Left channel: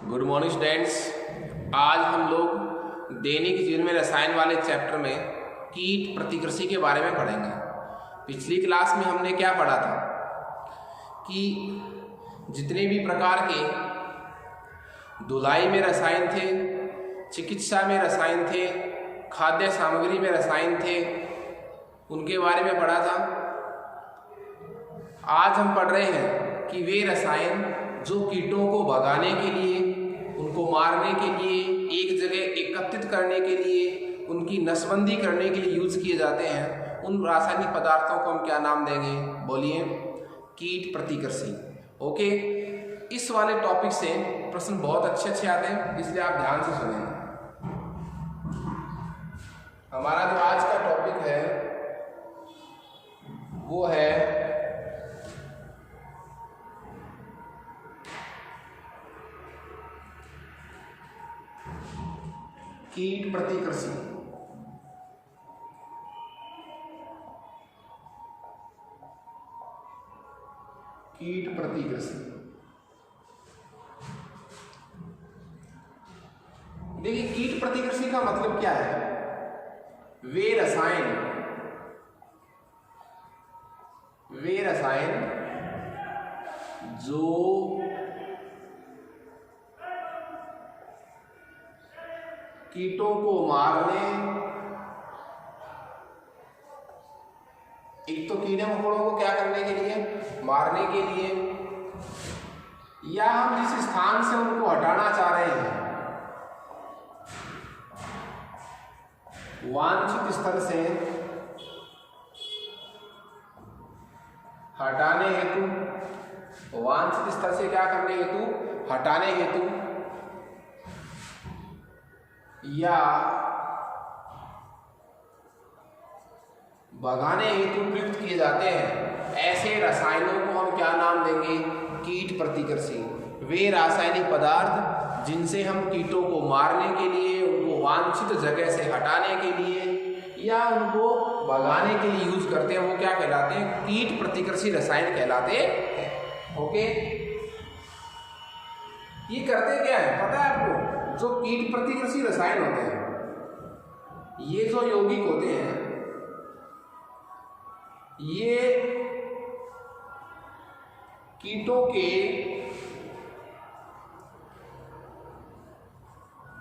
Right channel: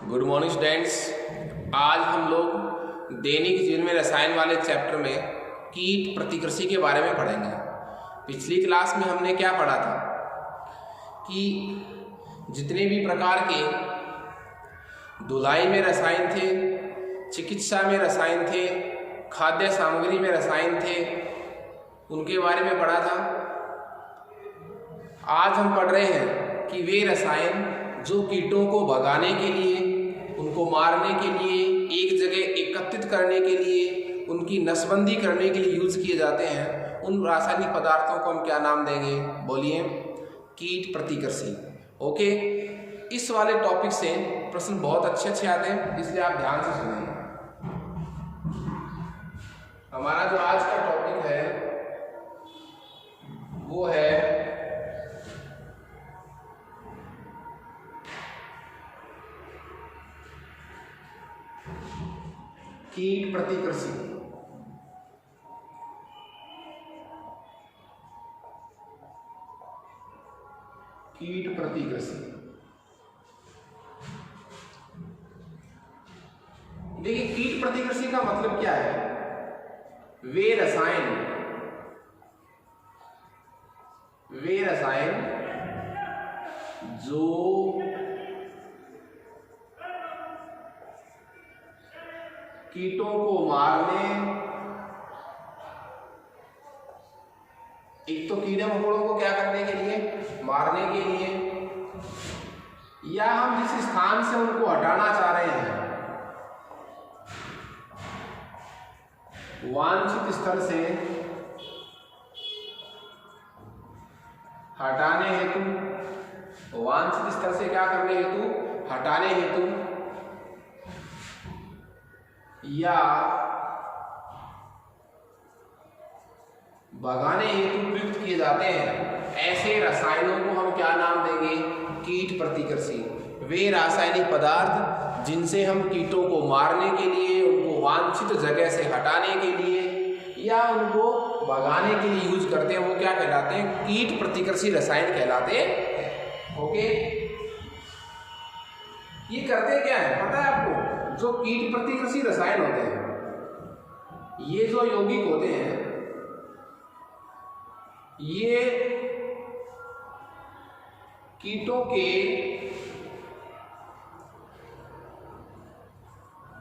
Good morning students. आज हम लोग दैनिक जीवन में रसायन वाले चैप्टर में कीट प्रतिकृषि के बारे में पढ़ेंगे। पिछली क्लास में हमने क्या पढ़ा था कि जितने भी प्रकार के धुलाई में रसायन थे, चिकित्सा में रसायन थे, खाद्य सामग्री में रसायन थे, उनके बारे में पढ़ा था। आज हम पढ़ रहे हैं कि वे रसायन जो कीटों को भगाने के लिए, उनको मारने के लिए, एक जगह एकत्रित करने के लिए, उनकी नसबंदी करने के लिए यूज किए जाते हैं, उन रासायनिक पदार्थों को हम क्या नाम देंगे? बोलिए, कीट प्रतिकृषि। ओके, इस वाले टॉपिक से प्रश्न बहुत अच्छे आते हैं, इसलिए आप ध्यान से सुनें। हमारा जो आज का टॉपिक है वो है कीट प्रतिकृषि। कीट प्रतिकृषि, देखिए कीट प्रतिकृषि का मतलब क्या है? वे रसायन जो कीटों को मारने, एक तो कीड़े मकोड़ों को क्या करने के लिए? मारने के लिए, या हम जिस स्थान से उनको हटाना चाह रहे हैं, वांछित स्थल से हटाने हेतु, वांछित स्थल से क्या करने हेतु? हटाने हेतु, या भगाने हेतु प्रयुक्त किए जाते हैं। ऐसे रसायनों को हम क्या नाम देंगे? कीट प्रतिकृषि। वे रासायनिक पदार्थ जिनसे हम कीटों को मारने के लिए, उनको वांछित जगह से हटाने के लिए या उनको भगाने के लिए यूज करते हैं, वो क्या कहलाते हैं? कीट प्रतिकृषि रसायन कहलाते हैं। ओके, ये करते क्या है पता है आपको? जो कीट प्रतिकृषि रसायन होते हैं, ये जो यौगिक होते हैं, ये कीटों के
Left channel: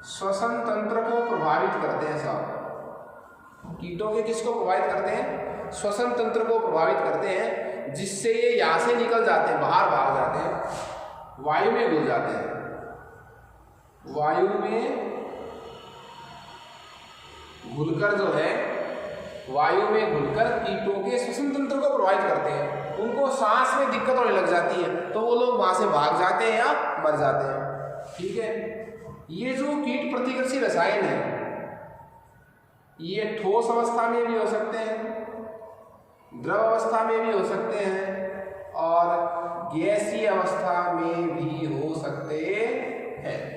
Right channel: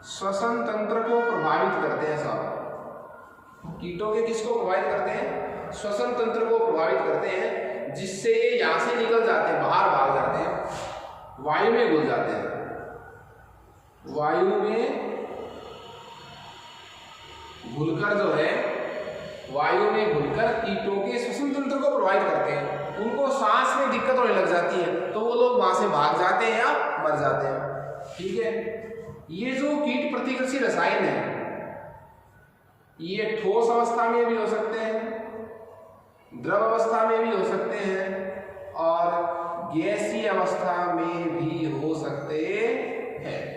श्वसन तंत्र को प्रभावित करते हैं। साहब, कीटों के किसको प्रभावित करते हैं? श्वसन तंत्र को प्रभावित करते हैं, जिससे ये यहां से निकल जाते हैं, बाहर भाग जाते हैं, वायु में घुल जाते हैं। वायु में घुलकर जो है, वायु में घुलकर कीटों के श्वसन तंत्र को प्रभावित करते हैं। उनको सांस में दिक्कत होने लग जाती है, तो वो लोग वहां से भाग जाते हैं या मर जाते हैं। ठीक है, ये जो कीट प्रतिकृषि रसायन है, ये ठोस अवस्था में भी हो सकते हैं, द्रव अवस्था में भी हो सकते हैं, और गैसीय अवस्था में भी हो सकते हैं।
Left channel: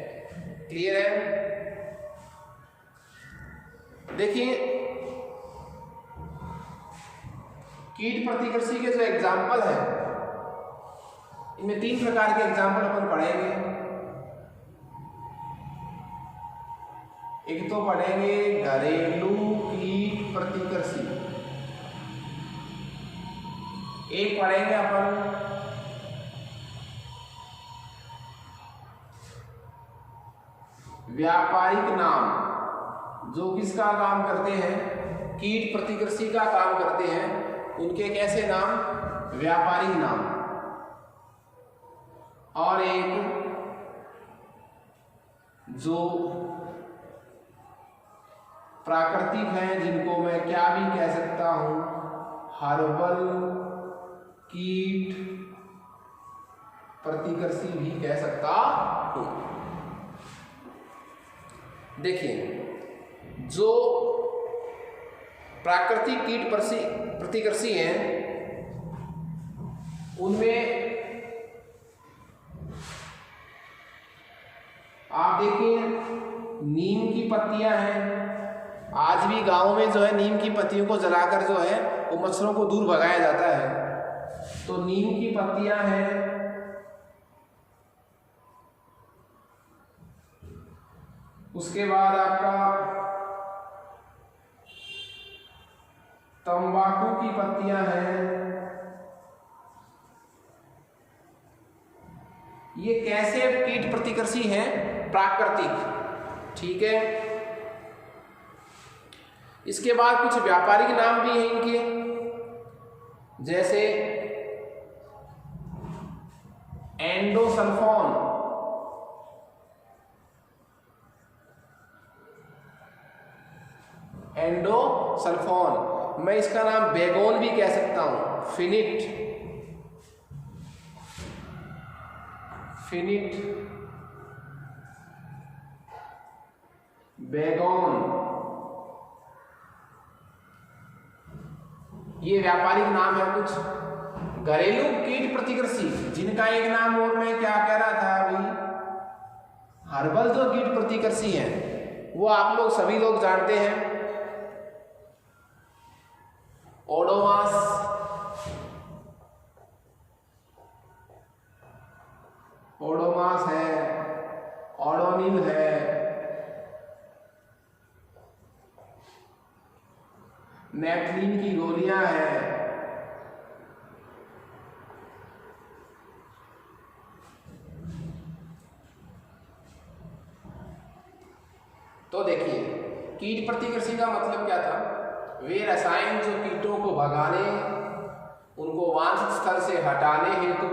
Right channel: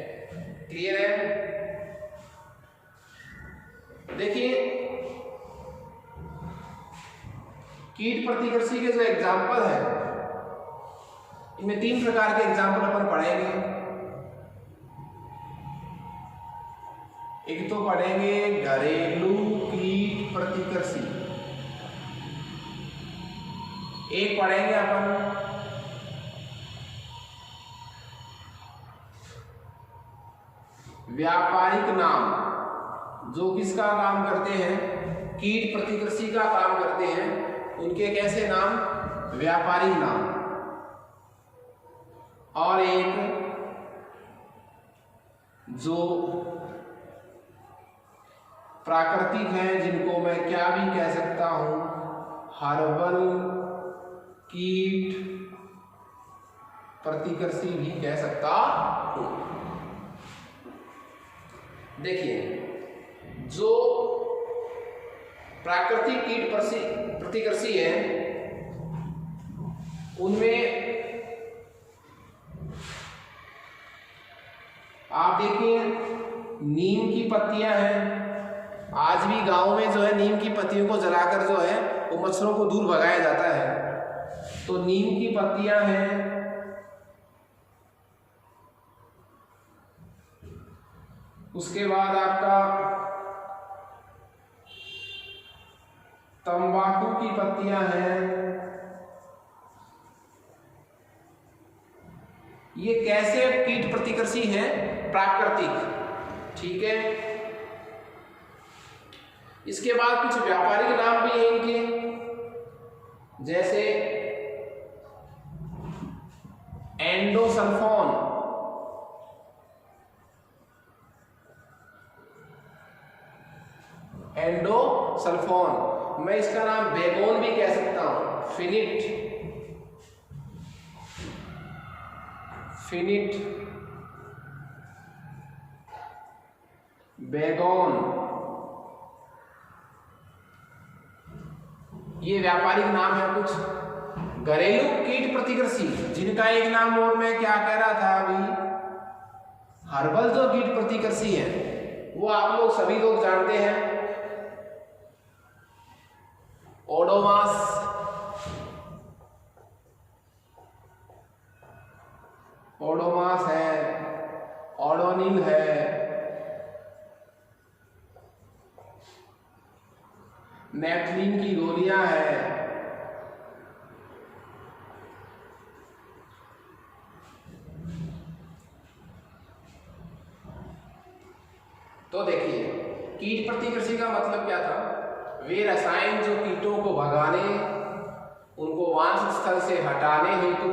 क्लियर है? देखिए, कीट प्रतिकृषि के जो एग्जाम्पल है, इनमें 3 प्रकार के एग्जाम्पल अपन पढ़ेंगे। एक तो पढ़ेंगे घरेलू कीट प्रतिकृषि, एक पढ़ेंगे अपन व्यापारिक नाम, जो किसका काम करते हैं? कीट प्रतिकृषि का काम करते हैं। उनके कैसे नाम? व्यापारिक नाम। और एक जो प्राकृतिक हैं, जिनको मैं क्या भी कह सकता हूं? हर्बल कीट प्रतिकृषि भी कह सकता हूं। देखिए, जो प्राकृतिक कीट प्रतिकृषि है, उनमें आप देखिए नीम की पत्तियां हैं। आज भी गांव में जो है नीम की पत्तियों को जलाकर जो है वो मच्छरों को दूर भगाया जाता है। तो नीम की पत्तियां हैं, उसके बाद आपका तंबाकू की पत्तियां हैं। ये कैसे कीट प्रतिकर्षी हैं? प्राकृतिक। ठीक है। इसके बाद कुछ व्यापारिक नाम भी हैं इनके, जैसे एंडोसल्फोन, एंडोसल्फोन, मैं इसका नाम बेगोन भी कह सकता हूं, फिनिट, फिनिट बेगोन, ये व्यापारिक नाम है कुछ। घरेलू कीट प्रतिकर्षी, जिनका एक नाम और मैं क्या कह रहा था अभी, हर्बल जो कीट प्रतिकर्षी हैं वो आप लोग सभी लोग जानते हैं। ओडोमास, ओडोमास है, ओडोनिल है, नेफ्थलीन की गोलियां हैं, तो देखिए कीट प्रतिकर्षी का मतलब क्या था? वे रसायन जो कीटों को भगाने, उनको वांछित स्थल से हटाने हेतु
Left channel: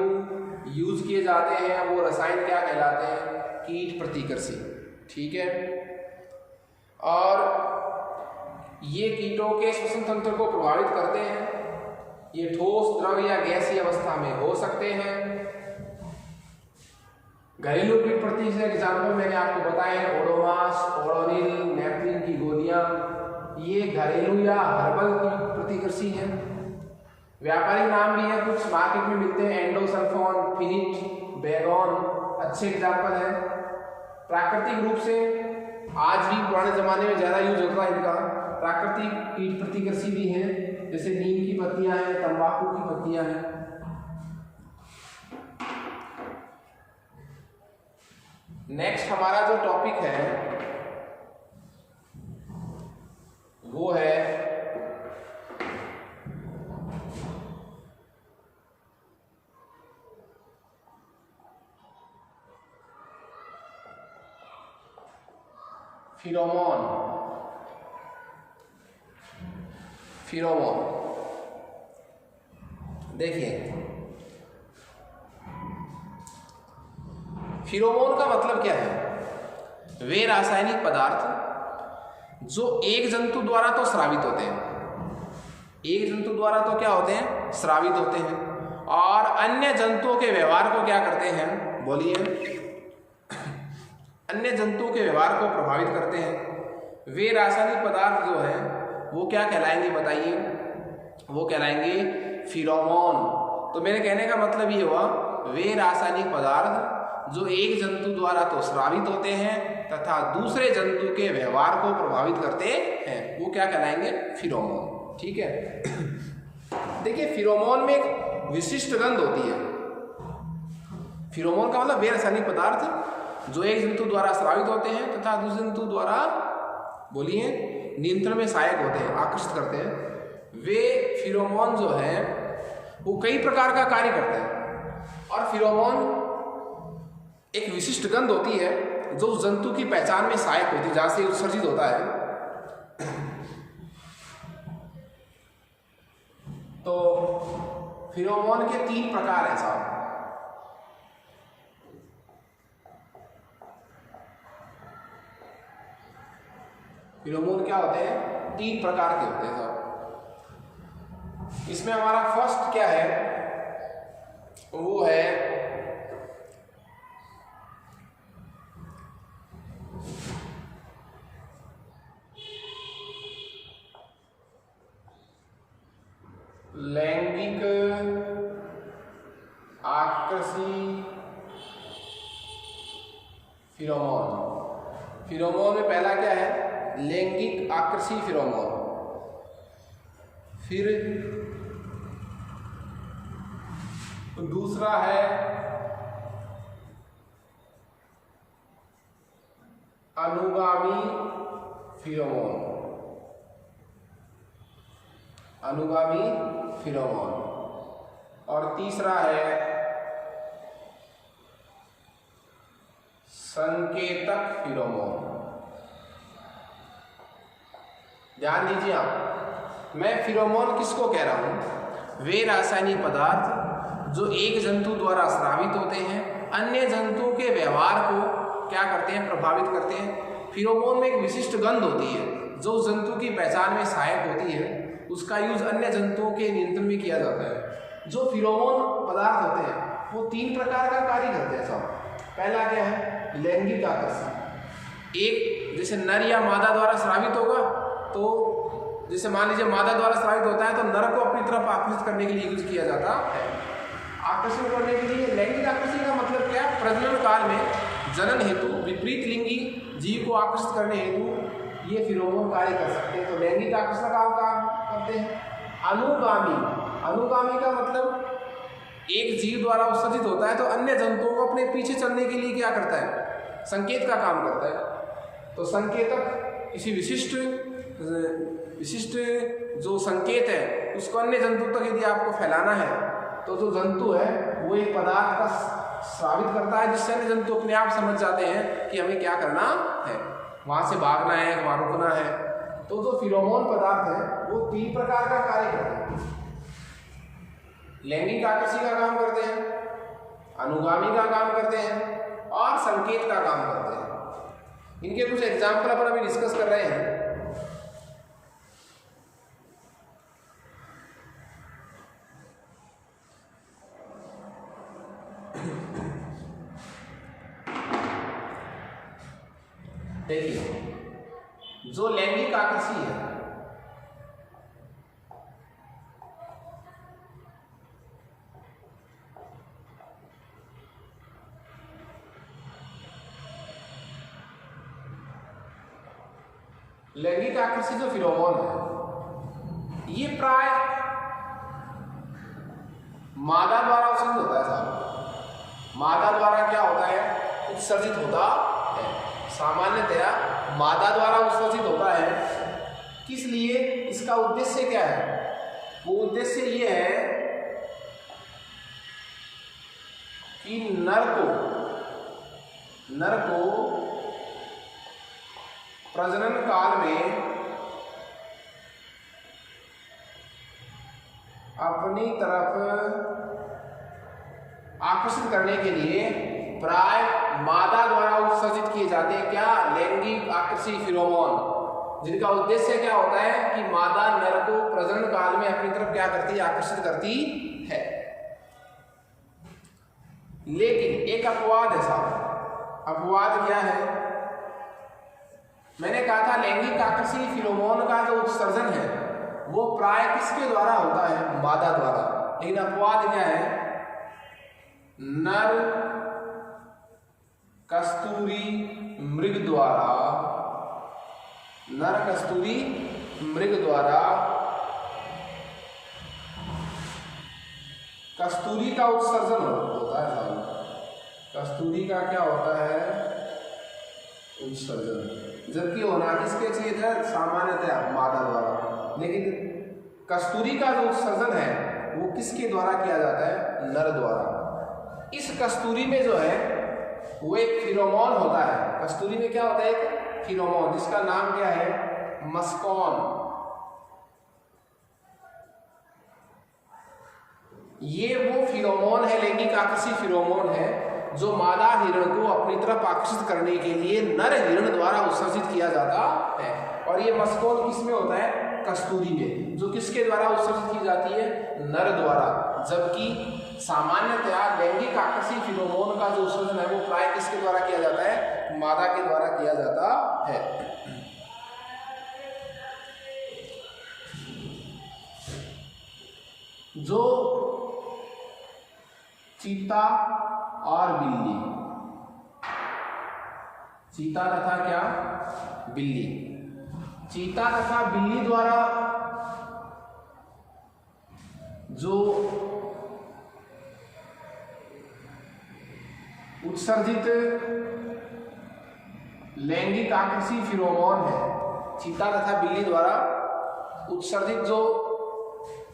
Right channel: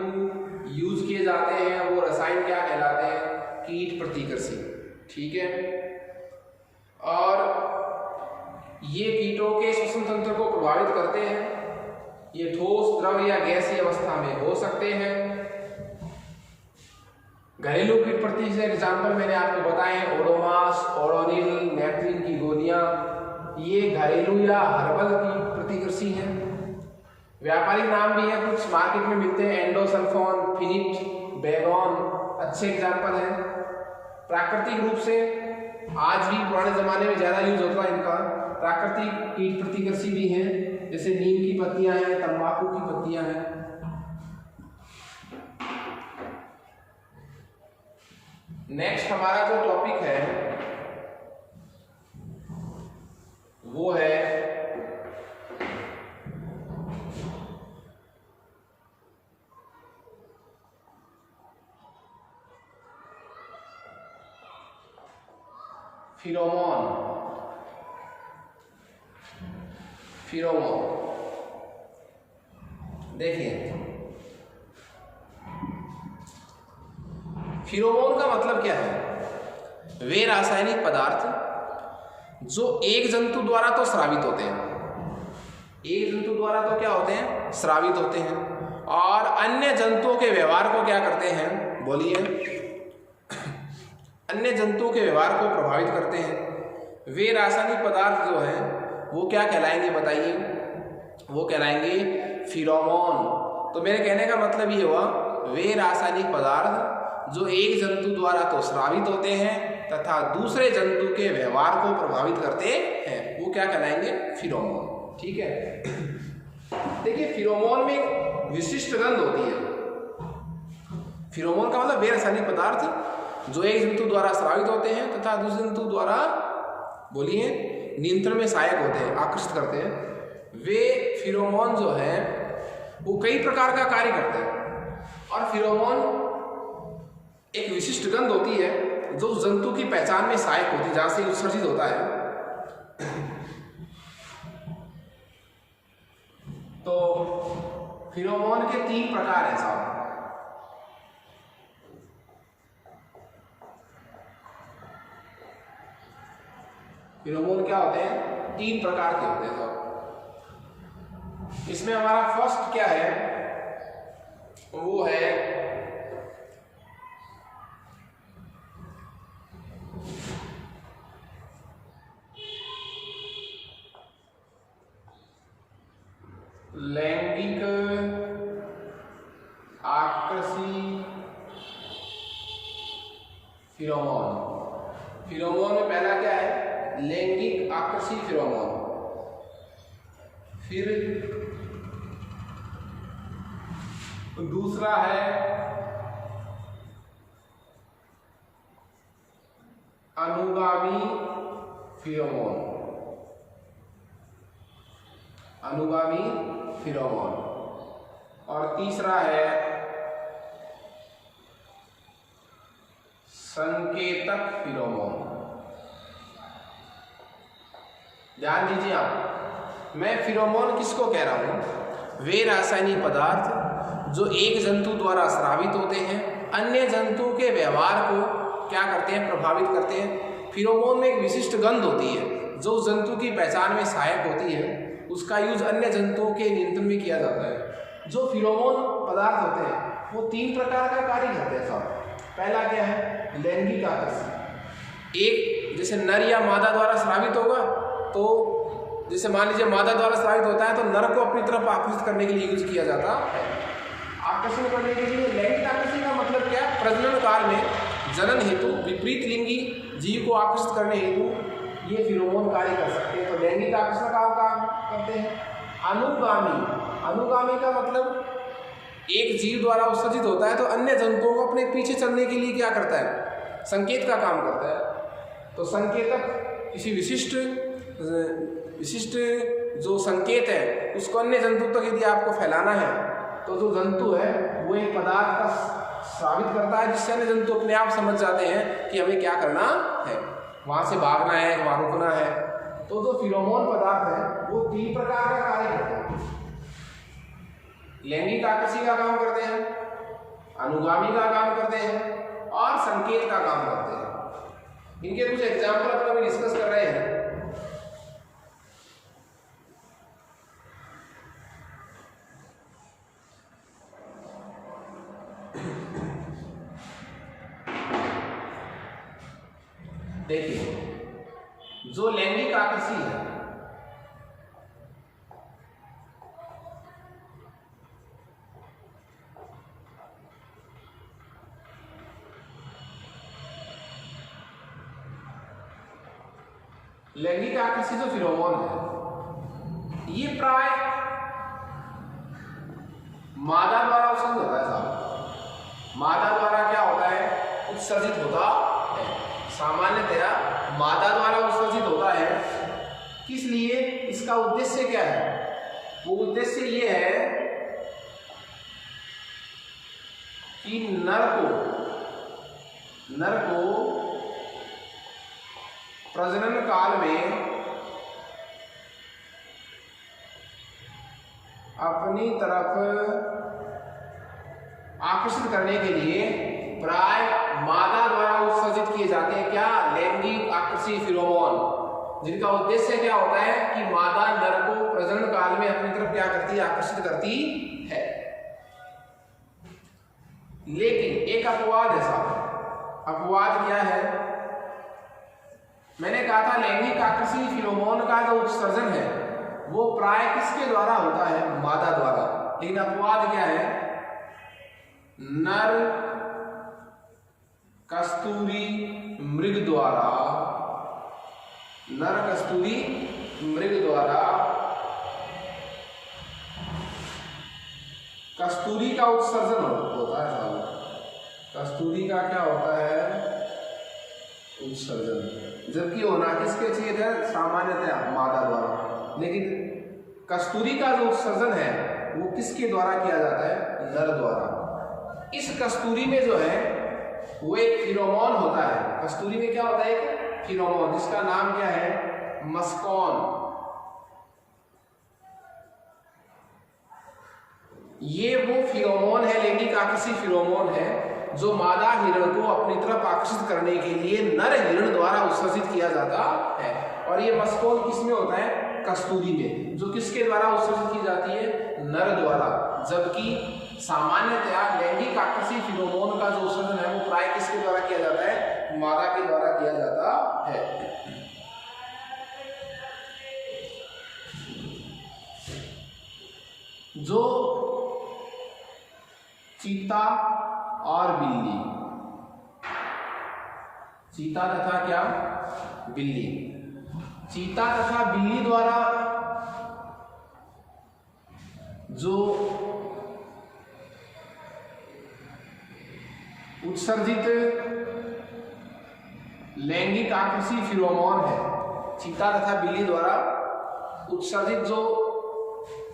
यूज किए जाते हैं, वो रसायन क्या कहलाते हैं? कीट प्रतिकर्षी। ठीक है। और ये कीटों के श्वसन तंत्र को प्रभावित करते हैं। ये ठोस, द्रव या गैसीय अवस्था में हो सकते हैं। घरेलू कीट प्रतिकर्षी एग्जाम्पल मैंने आपको बताए हैं, ओडोमास, ओडोनिल, नेफ्थलीन की गोलियां, ये घरेलू या हर्बल की प्रतिकर्षी हैं। व्यापारिक नाम भी है कुछ, मार्केट में मिलते हैं, एंडोसल्फोन, फिनिट, बेगोन, अच्छे एग्जाम्पल हैं। प्राकृतिक रूप से आज भी पुराने जमाने में ज्यादा यूज होता है इनका। प्राकृतिक कीट प्रतिकर्षी भी हैं, जैसे नीम की पत्तियां हैं, तंबाकू की पत्तियां हैं। नेक्स्ट हमारा जो टॉपिक है वो है फिरोमोन। फिरोमोन देखिए, फिरोमोन का मतलब क्या है? वे रासायनिक पदार्थ जो एक जंतु द्वारा तो स्रावित होते हैं, एक जंतु द्वारा तो क्या होते हैं? स्रावित होते हैं, और अन्य जंतुओं के व्यवहार को क्या करते हैं? बोलिए, अन्य जंतुओं के व्यवहार को प्रभावित करते हैं। वे रासायनिक पदार्थ जो हैं वो क्या कहलाएंगे? बताइए। वो कहलाएंगे फिरोमोन। तो मेरे कहने का मतलब ये हुआ, वे रासायनिक पदार्थ जो एक जंतु द्वारा तो स्रावित होते हैं तथा दूसरे जंतु के व्यवहार को प्रभावित करते हैं, वो क्या कहलाएंगे? फिरोमोन। ठीक है। देखिए, फिरोमोन में एक विशिष्ट गंध होती है। फिरोमोन का मतलब वे रासायनिक पदार्थ जो एक जंतु द्वारा स्रावित होते हैं तथा दूसरे जंतु द्वारा, बोलिए, नियंत्रण में सहायक होते हैं, आकर्षित करते हैं। वे फिरोमोन जो है वो कई प्रकार का कार्य करते हैं, और फिरोमोन एक विशिष्ट गंध होती है जो जंतु की पहचान में सहायक होती है, जहां से उत्सर्जित होता है। तो फिरोमोन के 3 प्रकार हैं साहब। फिरोमोन क्या होते हैं? 3 प्रकार के होते हैं साहब। इसमें हमारा फर्स्ट क्या है? वो है लैंगिक आकर्षी फिरोमोन। फिरोमोन में पहला क्या है? लैंगिक आकर्षी फिरोमोन। फिर दूसरा है अनुगामी फिरोमोन, अनुगामी फिरोमोन। और तीसरा है संकेतक फिरोमोन। ध्यान दीजिए आप, मैं फिरोमोन किसको कह रहा हूं? वे रासायनिक पदार्थ जो एक जंतु द्वारा स्रावित होते हैं, अन्य जंतु के व्यवहार को क्या करते हैं? प्रभावित करते हैं। फिरोमोन में एक विशिष्ट गंध होती है जो उस जंतु की पहचान में सहायक होती है। उसका यूज अन्य जंतुओं के नियंत्रण में किया जाता है। जो फिरोमोन पदार्थ होते हैं वो 3 प्रकार का कार्य करते हैं साहब। पहला क्या है? लैंगिक आकर्षण। एक, जैसे नर या मादा द्वारा स्रावित होगा तो जैसे मान लीजिए मादा द्वारा स्रावित होता है तो नर को अपनी तरफ आकर्षित करने के लिए यूज किया जाता है। आकर्षण करने के लिए लैंगिक आकर्षण का मतलब क्या है? प्रजनन काल में जनन हेतु विपरीत लिंगी जीव को आकर्षित करने हेतु ये फिरोमोन कार्य कर सकते हैं। तो लैंगिक आकर्षण का काम करते हैं। अनुगामी, अनुगामी का मतलब एक जीव द्वारा उत्सर्जित होता है तो अन्य जंतुओं को अपने पीछे चलने के लिए क्या करता है? संकेत का काम करता है। तो संकेतक किसी विशिष्ट जो संकेत है उसको अन्य जंतु तक यदि आपको फैलाना है तो जो जंतु है वो एक पदार्थ का स्रावित करता है जिससे अन्य जंतु अपने आप समझ जाते हैं कि हमें क्या करना है, वहां से भागना है, वहां रुकना है। तो जो फिरोमोन पदार्थ है वो 3 प्रकार का कार्य करते हैं। लैंगिक आकर्षण का काम करते हैं, अनुगामी का काम करते हैं और संकेत का काम करते हैं। इनके कुछ एग्जाम्पल अपन अभी डिस्कस कर रहे हैं। देखिए, जो लैंगिक आकर्षण है लैंगिक आकर्षण जो फिरोमोन है ये प्राय मादा द्वारा उत्सर्जित होता है साहब। मादा द्वारा क्या होता है? उत्सर्जित होता है। सामान्यतया मादा द्वारा उत्सर्जित होता है। किस लिए? इसका उद्देश्य क्या है? वो उद्देश्य ये है कि नर को प्रजनन काल में अपनी तरफ आकर्षित करने के लिए प्राय मादा द्वारा उत्सर्जित किए जाते हैं क्या? लैंगिक आकर्षी फिरोमोन, जिनका उद्देश्य क्या होता है कि मादा नर को प्रजनन काल में अपनी तरफ क्या करती है? आकर्षित करती है। लेकिन एक अपवाद है साहब। अपवाद क्या है? मैंने कहा था लैंगिक आकर्षी फिरोमोन का जो उत्सर्जन है वो प्राय किसके द्वारा होता है? मादा द्वारा। लेकिन अपवाद क्या है? नर कस्तूरी मृग द्वारा, नर कस्तूरी मृग द्वारा कस्तूरी का उत्सर्जन होता है साहब। कस्तूरी का क्या होता है? उत्सर्जन। जबकि होना किसके चाहिए था? सामान्यतया मादा द्वारा। लेकिन कस्तूरी का जो उत्सर्जन है वो किसके द्वारा किया जाता है? नर द्वारा। इस कस्तूरी में जो है वो एक फिरोमोन होता है। कस्तूरी में क्या होता है? एक फिरोमोन, जिसका नाम क्या है? मस्कॉन। ये वो फिरोमोन है, लैंगिक आकर्षी फिरोमोन है जो मादा हिरण को अपनी तरफ आकर्षित करने के लिए नर हिरण द्वारा उत्सर्जित किया जाता है। और ये मस्कॉन किसमें होता है? कस्तूरी में, जो किसके द्वारा उत्सर्जित की जाती है? नर द्वारा। जबकि सामान्यतया लैंगिक आकर्षी फिरोमोन का जो उत्सर्जन है वो प्राय किसके द्वारा किया जाता है? मादा के द्वारा किया जाता है। जो चीता और बिल्ली, चीता तथा क्या? बिल्ली। चीता तथा बिल्ली द्वारा जो उत्सर्जित लैंगिक आकृषि फिरोमोन है। चीता तथा बिल्ली द्वारा उत्सर्जित जो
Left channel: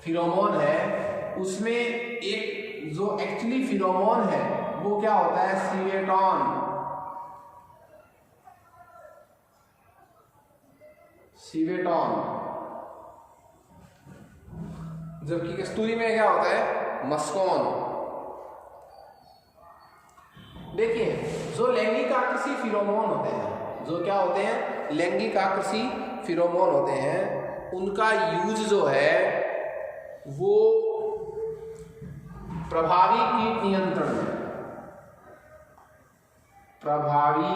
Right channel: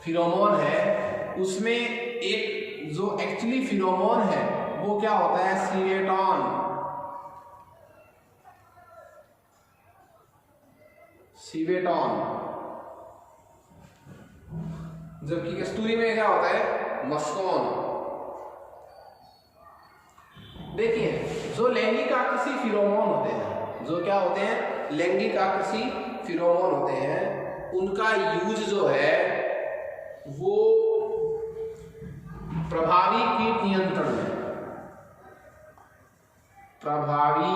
फिरोमोन है उसमें एक जो एक्चुअली फिरोमोन है वो क्या होता है, सीवेटॉन। सीवेटॉन। जबकि कस्तूरी में क्या होता है, मस्कोन। देखिए जो लैंगिक आकृषि फिरोमोन होते हैं, जो क्या होते हैं, लैंगिक आकृषि फिरोमोन होते हैं, उनका यूज जो है वो प्रभावी कीट नियंत्रण में, प्रभावी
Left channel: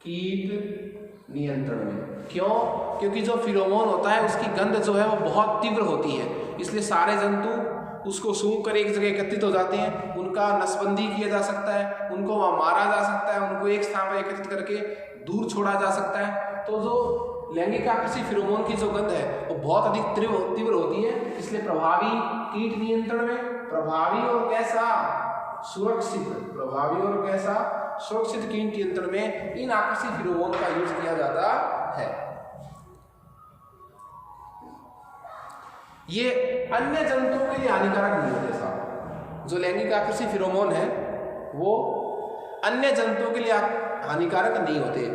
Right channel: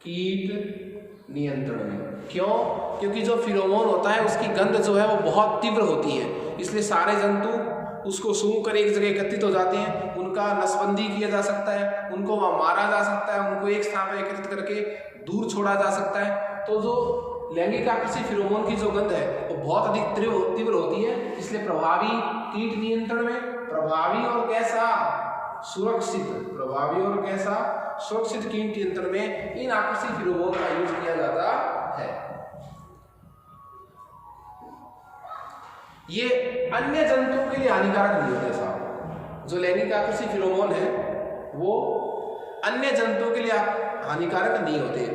कीट नियंत्रण में। क्यों? क्योंकि जो फिरोमोन होता है उसकी गंध जो है वो बहुत तीव्र होती है, इसलिए सारे जंतु उसको सूंघ कर एक जगह एकत्रित हो जाते हैं। उनका नसबंदी किया जा सकता है, उनको वहां मारा जा सकता है, उनको एक स्थान पर एकत्रित करके दूर छोड़ा जा सकता है। तो जो लैंगिक आकृषि फिरोमोन की जो गंध है वो बहुत अधिक तीव्र होती है, इसलिए प्रभावी कीट नियंत्रण में, प्रभावी और कैसा, सुरक्षित, प्रभावी और कैसा, सुरक्षित कीट नियंत्रण में इन आकृषि फिरोमोन का यूज किया जाता है। ये अन्य जंतुओं के लिए हानिकारक नहीं होते साहब। जो लैंगिक आकृषि फिरोमोन है वो अन्य जंतुओं के लिए हानिकारक नहीं होते,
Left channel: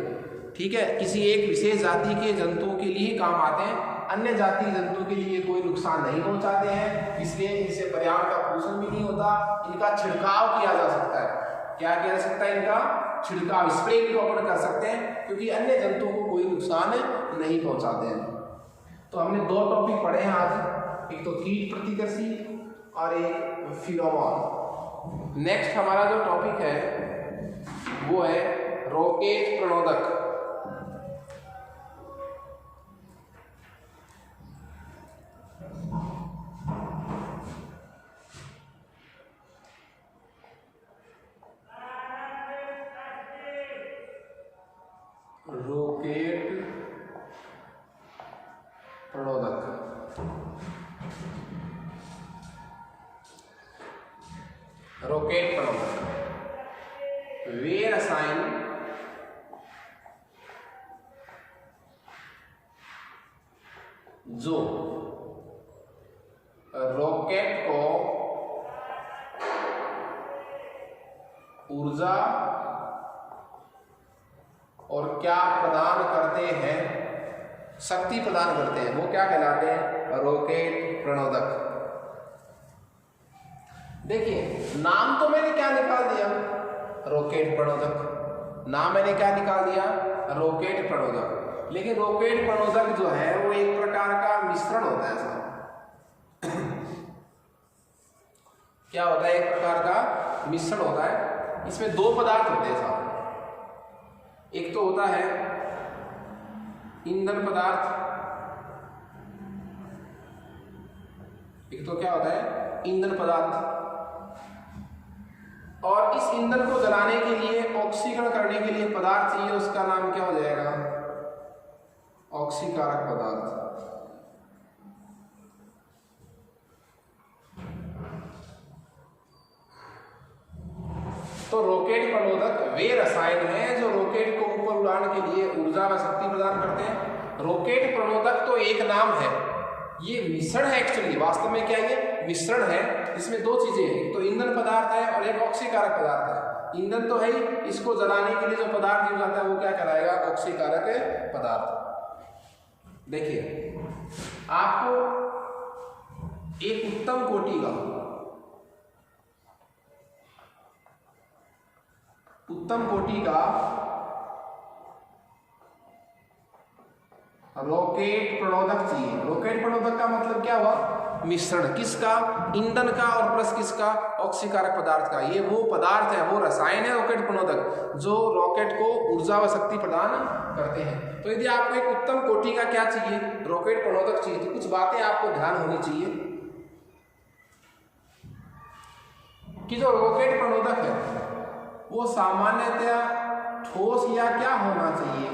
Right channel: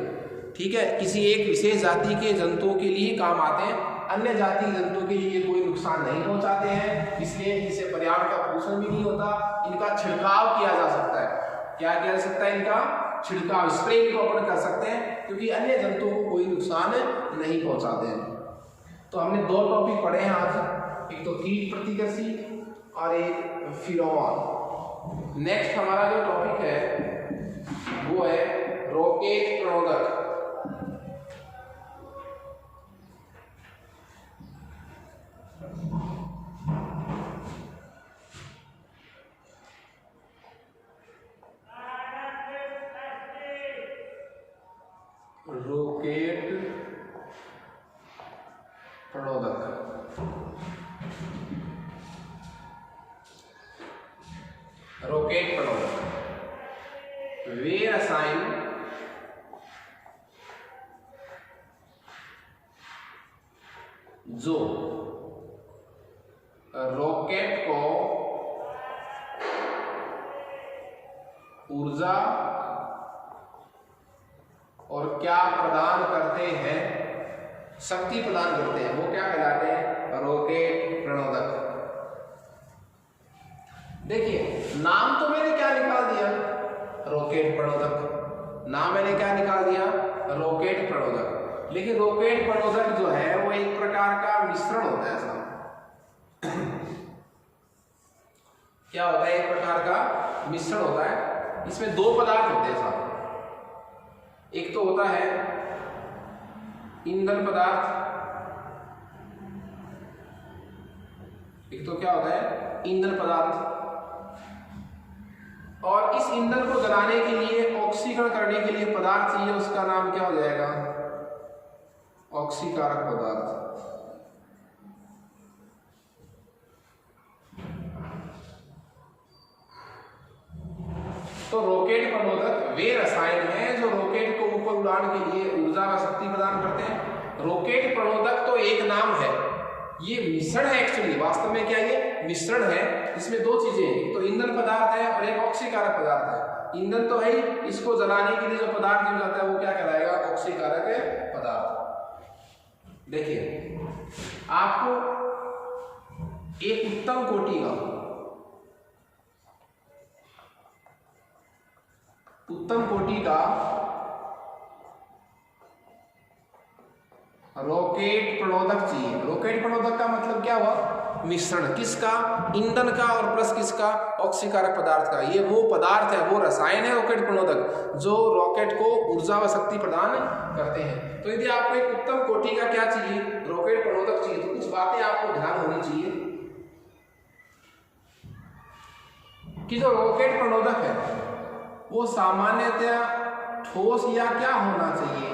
ठीक है। किसी एक विशेष जाति के जंतुओं के लिए काम आते हैं, अन्य जाति के जंतुओं के लिए कोई नुकसान नहीं पहुंचाते हैं, इसलिए इनसे पर्यावरण का पोषण भी नहीं होता। इनका छिड़काव किया जा सकता है। क्या किया जा सकता है? इनका छिड़काव, स्प्रे को अपन कर सकते हैं, क्योंकि अन्य जंतुओं को कोई नुकसान नहीं पहुंचाते हैं। तो हमने दो टॉपिक पढ़े हैं आज, एक तो कीट प्रतिकर्षी और एक फिरोमोन। नेक्स्ट हमारा जो टॉपिक है वो है रोकेट प्रणोदक। रोकेट प्रणोदक। रोकेट प्रणोदक वे रसायन जो रॉकेट को ऊर्जा और क्या प्रदान करते हैं, शक्ति प्रदान करते हैं, वो क्या कहलाते हैं? रॉकेट प्रणोदक। देखिए नाम तो मैंने क्या निकाल दिया, रॉकेट प्रणोदक। नाम मैंने क्या निकाल दिया, रॉकेट प्रणोदक। लेकिन रॉकेट प्रणोदक जो है वो एक प्रकार का मिश्रण होता है साहब। क्या होता है? एक प्रकार का मिश्रण होता है। इसमें दो पदार्थ होते हैं साहब। एक तो होता है ईंधन पदार्थ, एक तो क्या होता है? ईंधन पदार्थ। और इस ईंधन को जलाने के लिए, ऑक्सीकरण करने के लिए पदार्थ चाहिए, उसका नाम क्या हो जाएगा? ऑक्सीकारक पदार्थ। तो रॉकेट प्रणोदक वे रसायन हैं जो रॉकेट को ऊपर उड़ाने के लिए ऊर्जा व शक्ति प्रदान करते हैं। रॉकेट प्रणोदक तो एक नाम है, ये मिश्रण है एक्चुअली। वास्तव में क्या ये मिश्रण है? इसमें दो चीजें हैं, तो ईंधन पदार्थ है और एक ऑक्सीकारक पदार्थ है। ईंधन तो है ही, इसको जलाने के लिए जो पदार्थ यूज आता है वो क्या कहलाएगा? ऑक्सीकारक पदार्थ। देखिए आपको एक उत्तम कोटि का रॉकेट प्रणोदक चाहिए। रॉकेट प्रणोदक का मतलब क्या हुआ? मिश्रण किसका? ईंधन का और प्लस किसका? ऑक्सीकारक पदार्थ का। ये वो पदार्थ है, वो रसायन है रॉकेट प्रणोदक जो रॉकेट को ऊर्जा व शक्ति प्रदान करते हैं। तो यदि आपको एक उत्तम कोटि का क्या चाहिए? रॉकेट प्रणोदक चाहिए, तो कुछ बातें आपको ध्यान होनी चाहिए कि जो रॉकेट प्रणोदक है वो सामान्यतया ठोस या क्या होना चाहिए?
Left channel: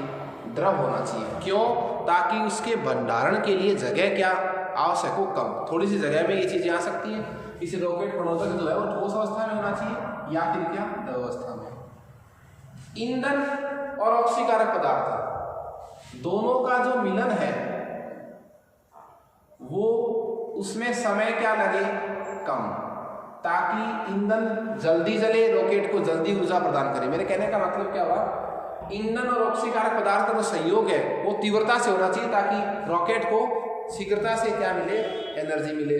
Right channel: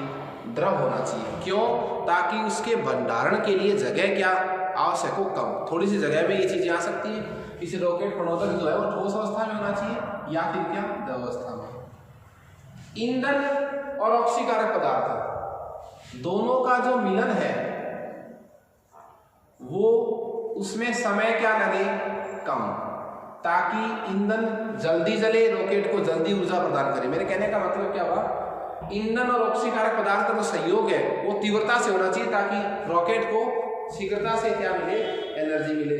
द्रव होना चाहिए। क्यों? ताकि उसके भंडारण के लिए जगह क्या आवश्यक हो, कम, थोड़ी सी जगह में ये चीजें आ सकती है। इस रॉकेट प्रणोदक जो है वो ठोस अवस्था में होना चाहिए या फिर क्या? द्रव अवस्था में। ईंधन और ऑक्सीकारक पदार्थ दोनों का जो मिलन है वो उसमें समय क्या लगे, कम, ताकि ईंधन जल्दी जले, रॉकेट को जल्दी ऊर्जा प्रदान करे। मेरे कहने का मतलब क्या हुआ, ईंधन और ऑक्सीकारक पदार्थ का जो संयोग है वो तीव्रता से होना चाहिए ताकि रॉकेट को शीघ्रता से क्या मिले, एनर्जी मिले।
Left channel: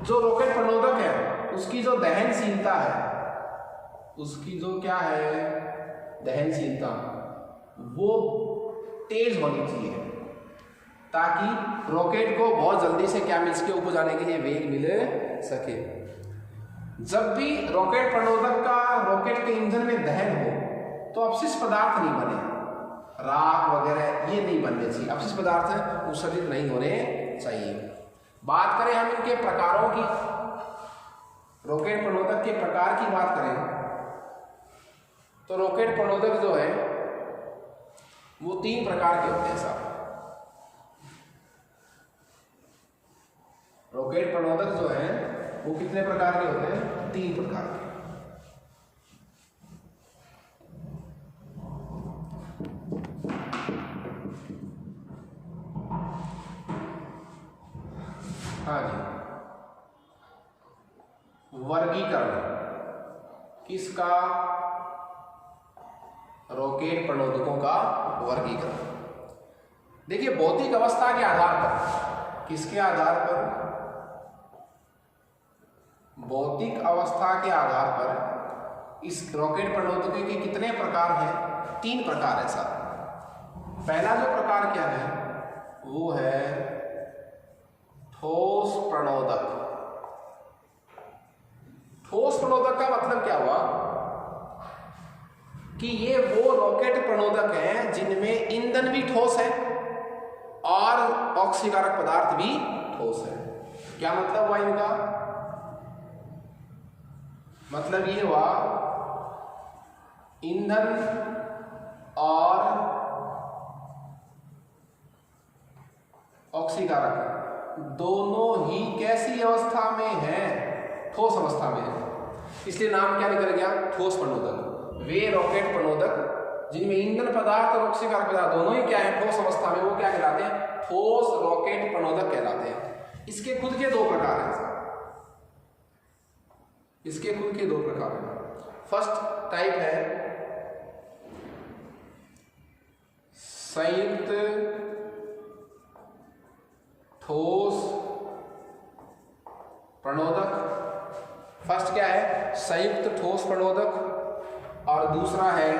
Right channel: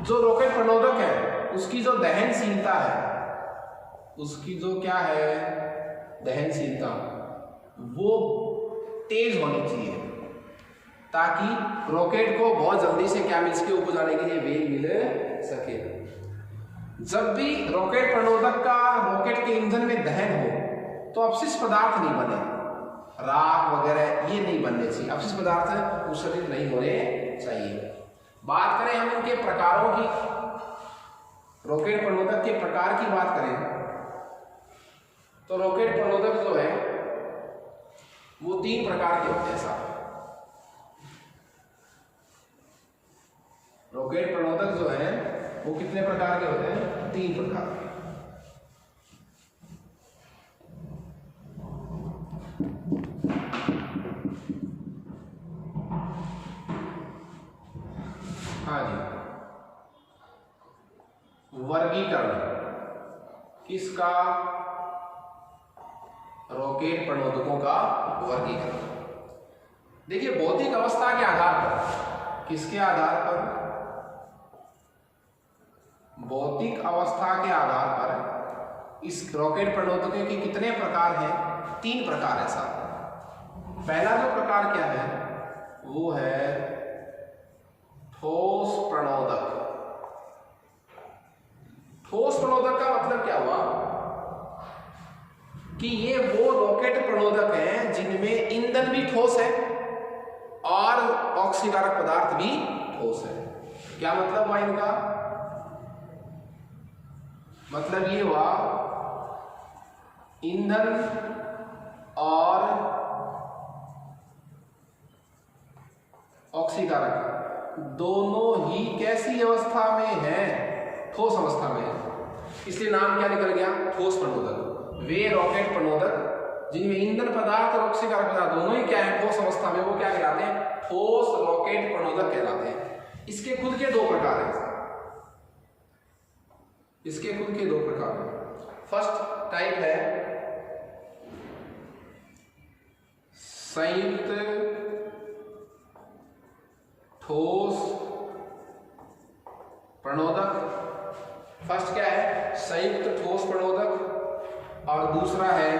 जो रॉकेट प्रणोदक है उसकी जो दहनशीलता है, उसकी जो क्या है दहनशीलता, वो तेज होनी चाहिए ताकि रॉकेट को बहुत जल्दी से क्या मिल सके, ऊपर जाने के लिए वेग मिल सके। जब भी रॉकेट प्रणोदक का रॉकेट के इंजन में दहन हो तो अपशिष्ट पदार्थ नहीं बने, राख वगैरह ये नहीं बनने चाहिए, अपशिष्ट पदार्थ उत्सर्जित नहीं होने चाहिए। बात करें हम इनके प्रकारों की, रॉकेट प्रणोदक के प्रकार की बात करें तो रॉकेट प्रणोदक जो है वो 3 प्रकार के होते हैं साहब। रॉकेट प्रणोदक जो है वो कितने प्रकार के होते हैं, 3 प्रकार के। हाँ जी, वर्गीकरण किसका, रॉकेट प्रणोदकों का वर्गीकरण। देखिए भौतिक अवस्था के आधार पर, किसके आधार पर, भौतिक अवस्था के आधार पर इस रॉकेट प्रणोदकों के कितने प्रकार हैं, 3 प्रकार है साहब। पहला जो प्रकार क्या है वो है ठोस प्रणोदक। ठोस प्रणोदक का मतलब क्या हुआ कि ये वो रॉकेट प्रणोदक हैं जिनमें ईंधन भी ठोस है और ऑक्सीकारक पदार्थ भी ठोस है। क्या मतलब हुआ इनका, मतलब ये हुआ ईंधन और ऑक्सीकारक दोनों ही कैसी अवस्था में है, ठोस अवस्था में है, इसलिए नाम क्या निकल गया, ठोस प्रणोदक। वे रॉकेट प्रणोदक जिनमें ईंधन पदार्थ और ऑक्सीकारक पदार्थ दोनों ही क्या है, ठोस अवस्था में, वो क्या कहलाते हैं, ठोस रॉकेट प्रणोदक कहलाते हैं। इसके खुद के 2 प्रकार हैं, इसके खुद के 2 प्रकार हैं। फर्स्ट टाइप है संयुक्त ठोस प्रणोदक। फर्स्ट क्या है, संयुक्त ठोस प्रणोदक, और दूसरा है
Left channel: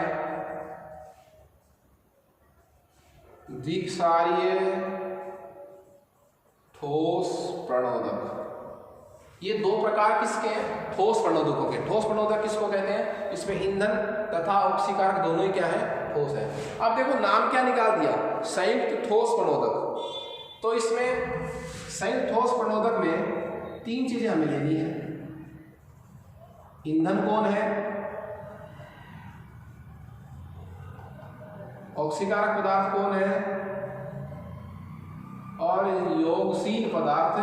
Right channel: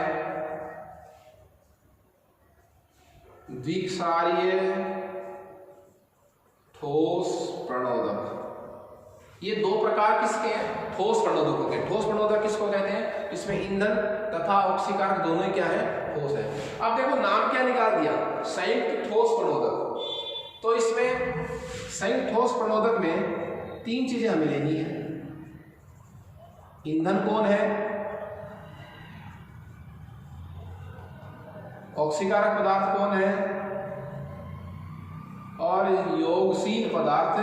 द्विक्षारीय ठोस प्रणोदक। ये 2 प्रकार किसके हैं, ठोस प्रणोदकों के। ठोस प्रणोदक किसको कहते हैं, इसमें ईंधन तथा ऑक्सीकारक दोनों ही क्या है, ठोस है। अब देखो नाम क्या निकाल दिया, संयुक्त ठोस प्रणोदक। तो इसमें संयुक्त ठोस प्रणोदक में 3 चीजें हमें लेनी है। ईंधन कौन है, ऑक्सीकारक पदार्थ कौन है, और योगशील पदार्थ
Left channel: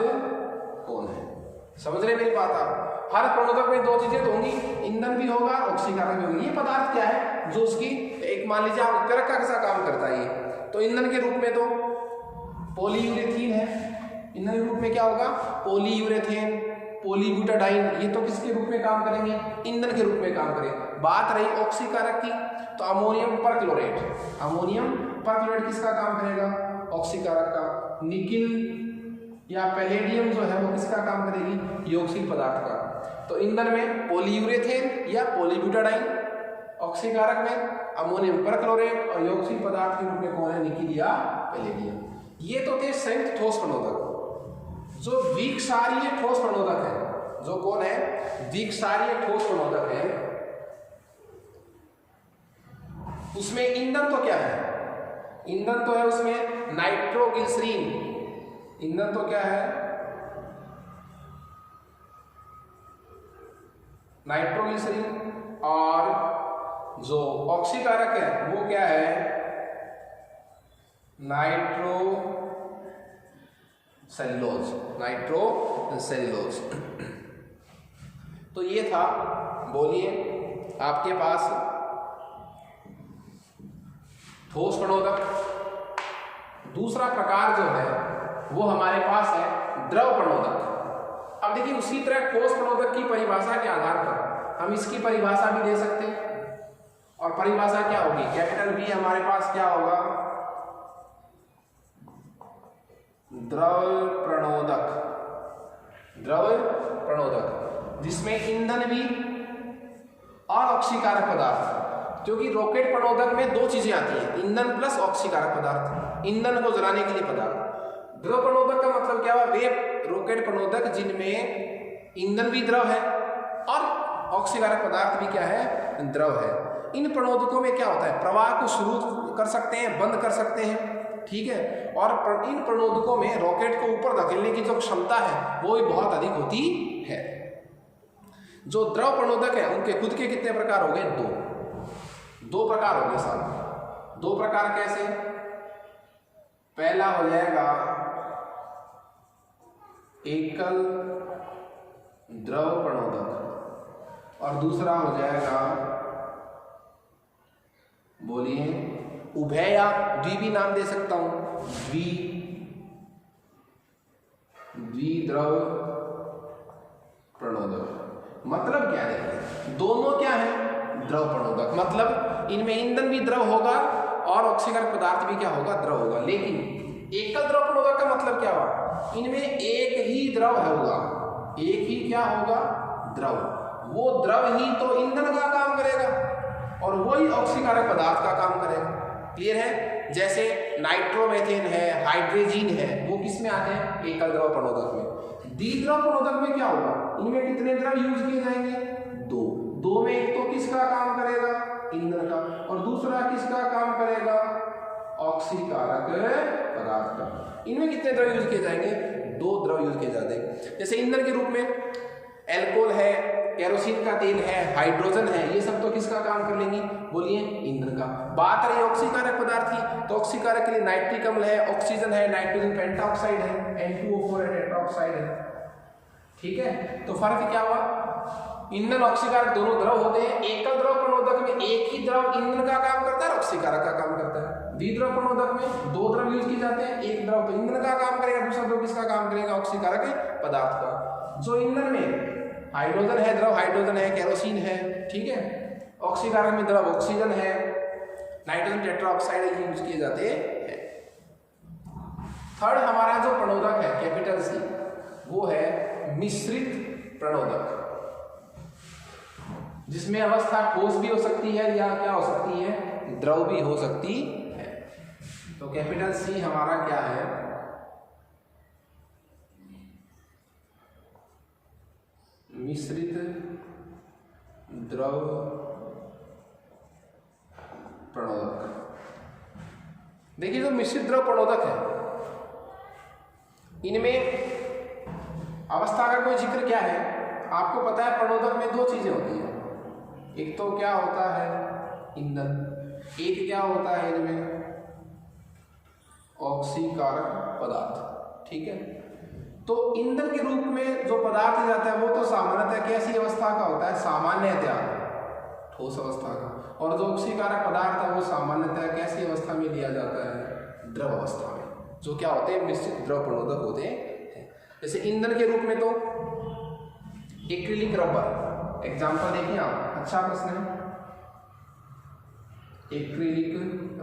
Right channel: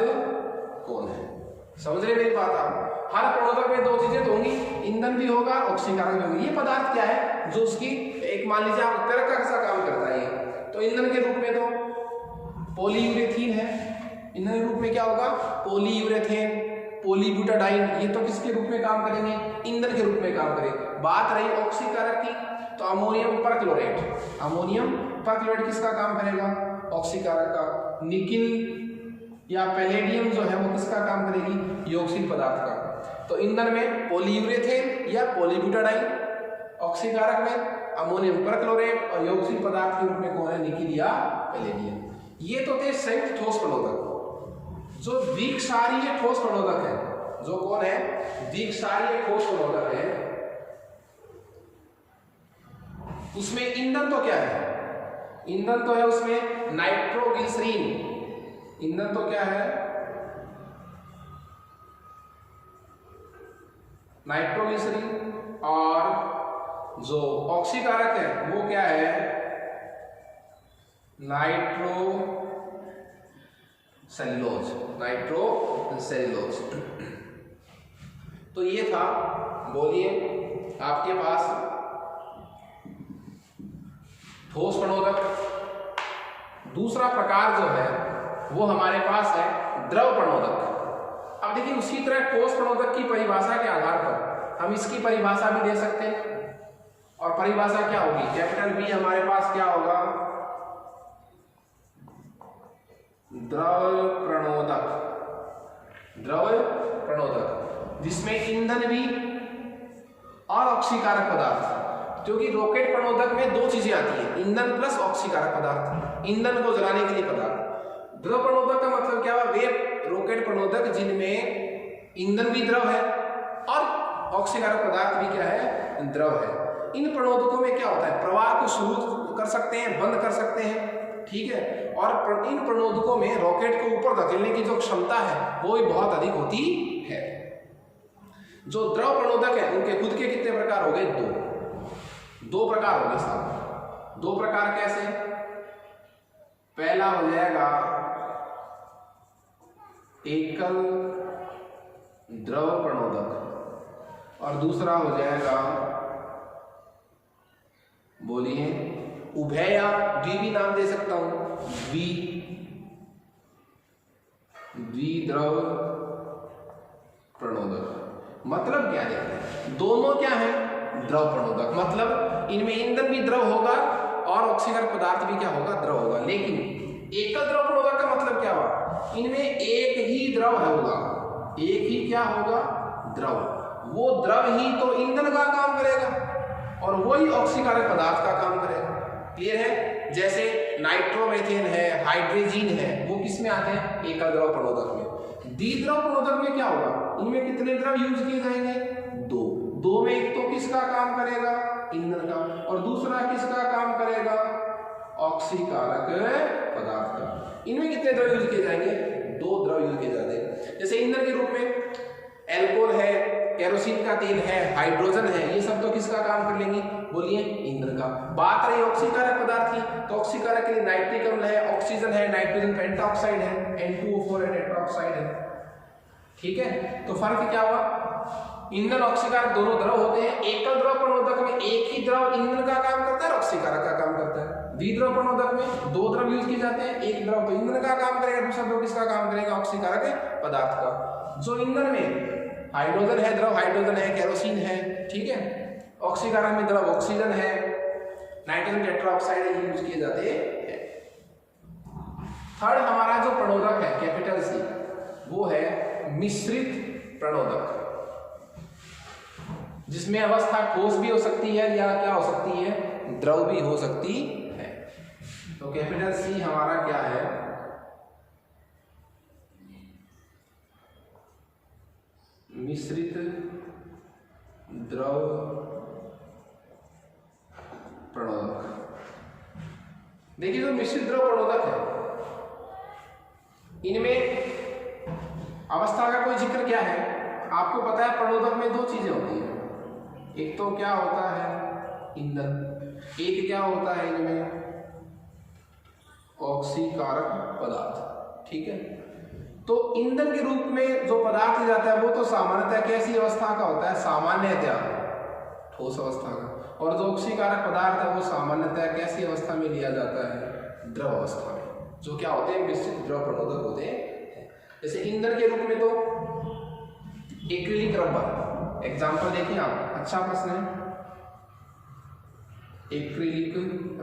कौन है। समझ रहे मेरी बात आप, हर प्रणोदक में 2 चीजें तो होंगी, ईंधन भी होगा, ऑक्सीकारक भी होगी। ये पदार्थ क्या है जो उसकी, एक मान लीजिए आप करक का कैसा काम करता है, तो ईंधन के रूप में तो पॉलीयूरेथीन है, ईंधन के रूप में क्या होगा, पॉलीयूरेथेन, पॉलीब्यूटाडाइन, ये तो किसके रूप में काम करेंगे, ईंधन के रूप में काम करेंगे। बात रही ऑक्सीकारक की, तो अमोनियम परक्लोरेट, अमोनियम परक्लोरेट किसका काम करेगा, ऑक्सीकारक का। निकिल या पैलेडियम जो है वो किसका काम करेगी, योगशील पदार्थ का। तो ईंधन में पॉलीयूरेथेन या पॉलीब्यूटाडाइन, ऑक्सीकारक में अमोनियम परक्लोरेट, और योगशील पदार्थ के रूप में कौन है, निकिल या पैलेडियम। ये तो थे संयुक्त ठोस प्रणोदक। जो द्विक्षारीय ठोस प्रणोदक है, जो कौन है, द्विक्षारीय ठोस प्रणोदक है, उसमें ईंधन तो क्या है, ईंधन तो है उसमें नाइट्रोग्लिसरीन। ईंधन तो क्या है, नाइट्रोग्लिसरीन, और जो ऑक्सीकारक है वो क्या है, नाइट्रोसेल्यूलोज, नाइट्रोसेल्यूलोज। तो ये था, बोलिए आपके पास ठोस प्रणोदक, दूसरा प्रकार जो है वो हमारे पास है द्रव प्रणोदक। अब देखिए उसी तरह ठोस प्रणोदक की परिभाषा के आधार पर हम इसकी परिभाषा भी दे सकते हैं, और परिभाषा क्या होगी, कैपिटल बी हमारे पास क्या होगा, द्रव प्रणोदक, द्रव प्रणोदक जिसमें ईंधन भी और ऑक्सीकारक पदार्थ, क्योंकि रॉकेट प्रणोदक में दो चीजें आती हैं, ईंधन प्लस ऑक्सीकारक पदार्थ, ईंधन को जलाने के लिए पदार्थ। द्रव प्रणोदक का मतलब क्या हुआ, वे रॉकेट प्रणोदक जिनमें ईंधन भी द्रव है और ऑक्सीकारक पदार्थ भी क्या है, द्रव है। इन प्रणोदकों में क्या होता है, प्रवाह को शुरू कर सकते हैं, बंद कर सकते हैं, ठीक है, और इन प्रणोदकों में रॉकेट को ऊपर धकेलने की जो क्षमता है वो भी बहुत अधिक होती है। जो द्रव प्रणोदक है उनके खुद के कितने प्रकार हो गए, दो प्रकार हो गए साहब। दो प्रकार कैसे, पहला हो जाएगा एकल द्रव प्रणोदक और दूसरा हो जाएगा, बोलिए, उभय या द्वि भी नाम दे सकता हूं, द्विद्रव प्रणोदक। मतलब क्या है, दोनों क्या है, द्रव प्रणोदक, मतलब इनमें ईंधन भी द्रव होगा और ऑक्सीकारक पदार्थ भी क्या होगा, द्रव होगा। लेकिन एकल द्रव प्रणोदक का मतलब क्या हुआ, इनमें एक ही द्रव होगा, एक ही क्या होगा, द्रव। वो द्रव ही तो ईंधन का काम करेगा और वही ऑक्सीकारक पदार्थ का काम करेगा। क्लियर है, जैसे नाइट्रोमेथेन है, हाइड्रोजीन है, वो किस में आते हैं, एकल द्रव प्रणोदक में। द्विद्रव प्रणोदक में क्या होगा, इनमें कितने द्रव यूज किए जाएंगे, दो में एक तो किसका काम करेगा, ईंधन का, और दूसरा किसका काम करेगा, ऑक्सीकारक पदार्थ का। इनमें कितने द्रव यूज किए जाएंगे, दो द्रव यूज किए जाते हैं। जैसे ईंधन के रूप में एल्कोहल है, केरोसिन का तेल है, हाइड्रोजन है, ये सब तो किसका काम कर लेंगे, बोलिए, ईंधन का। बात रही ऑक्सीकारक पदार्थ की, तो ऑक्सीकारक के लिए नाइट्रिक अम्ल है, ऑक्सीजन है, नाइट्रोजन पेंटाऑक्साइड है, N2O4 है, टेट्राऑक्साइड है, ठीक है। तो फर्क क्या हुआ, ईंधन ऑक्सीकारक दोनों द्रव होते हैं। एकल द्रव प्रणोदक में एक ही द्रव ईंधन का काम करता है और ऑक्सीकारक का काम करता है। द्विद्रव प्रणोदक में दो द्रव यूज किए जाते हैं, एक द्रव तो ईंधन का काम करेगा, दूसरा द्रव किसका काम करेगा, ऑक्सीकारक पदार्थ का। जो ईंधन में हाइड्रोजन है, द्रव हाइड्रोजन है, केरोसिन है, ठीक है, ऑक्सीकारक में द्रव ऑक्सीजन है, नाइट्रोजन टेट्राऑक्साइड यूज किए जाते हैं। थर्ड हमारा जो प्रणोदक है कैपिटल सी, वो है मिश्रित प्रणोदक, जिसमें अवस्था ठोस भी हो सकती है या क्या हो सकती है, द्रव भी हो सकती है। तो कैपिटल सी हमारा क्या है, मिश्रित द्रव प्रणोदक। देखिए जो मिश्रित द्रव प्रणोदक है, इनमें अवस्था का कोई जिक्र क्या है, आपको पता है प्रणोदक में दो चीजें होती हैं, एक तो क्या होता है ईंधन, एक क्या होता है इनमें ऑक्सीकारक पदार्थ, ठीक है। तो ईंधन के रूप में जो पदार्थ जाता है वो तो सामान्यतः कैसी अवस्था का होता है, सामान्यतः ठोस अवस्था का, और जो ऑक्सीकारक पदार्थ है वो सामान्यतः कैसी अवस्था में लिया जाता है, द्रव अवस्था में, जो क्या होते हैं, मिश्रित द्रव प्रणोदक होते हैं। जैसे ईंधन के रूप में तो एक्रिलिक रबर, एग्जाम्पल देखिए आप, अच्छा प्रश्न है, एक्रिलिक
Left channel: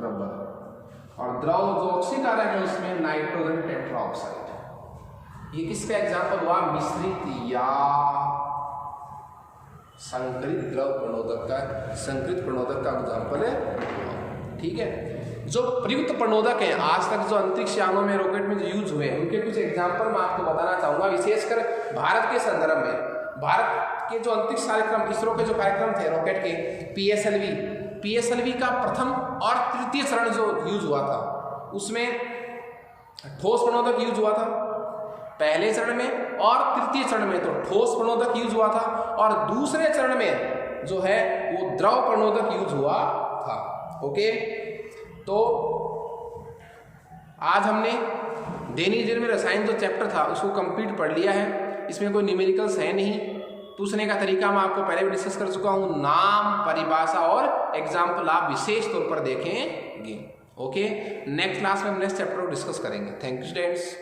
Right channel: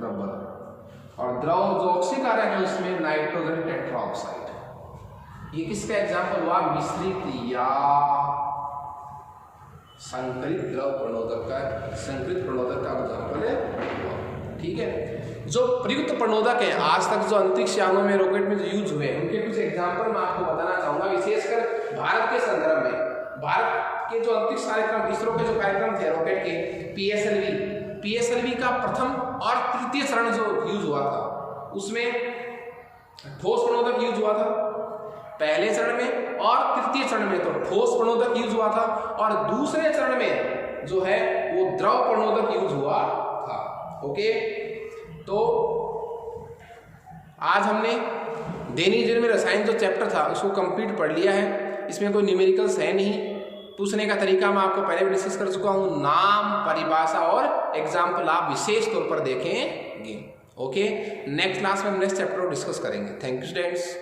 रबर, और द्रव जो ऑक्सीकारक है उसमें नाइट्रोजन टेट्राऑक्साइड। ये किसका एग्जाम्पल हुआ, मिश्रित या संकरित द्रव प्रणोदक का, संकरित प्रणोदक का एग्जाम्पल है, ठीक है। जो प्रयुक्त प्रणोदक हैं आज तक जो अंतरिक्ष यानों में, रॉकेट में जो यूज हुए हैं, उनके कुछ एग्जाम्पल मैं आपको बताना चाहूंगा, विशेषकर भारत के संदर्भ में। भारत के जो अंतरिक्ष कार्यक्रम, इसरो के जो कार्यक्रम थे रॉकेट के, PSLV का प्रथम और तृतीय चरण जो यूज हुआ था, उसमें ठोस प्रणोदक यूज हुआ था पहले चरण में, और तृतीय चरण में तो ठोस प्रणोदक यूज हुआ था, और दूसरे चरण में जो है वो द्रव प्रणोदक यूज हुआ था। ओके, तो आज हमने दैनिक जीवन में रसायन जो चैप्टर था उसको कंप्लीट पढ़ लिया है। इसमें कोई न्यूमेरिकल्स है नहीं, पूछने का तरीका मैं आपको पहले भी डिस्कस कर चुका हूँ, नाम, परिभाषा और एग्जाम्पल आप विशेष तौर पर देखेंगे। ओके, नेक्स्ट क्लास में हम नेक्स्ट चैप्टर को डिस्कस करेंगे। Thank you students.